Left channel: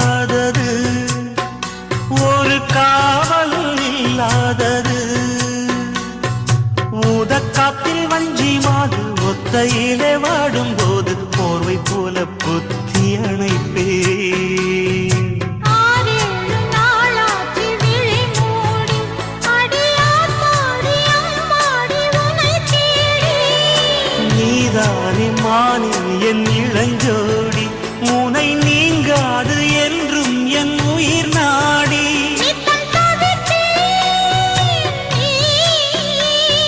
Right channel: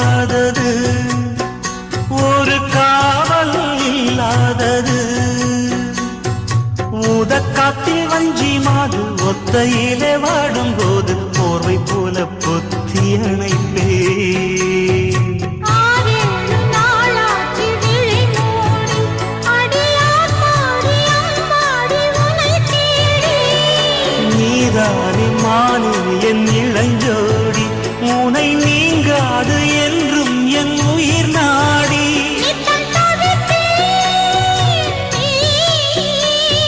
இல்லாதது ஒரு காவல் இல்லாதது ஊதக்காத்தில் வஞ்சி மாது ஒத்தையிலே வாடும்போது போர்வை போல பொத்தி அணைப்பே நீதானே மானே என் இளஞ்சோடி உனை நீங்காது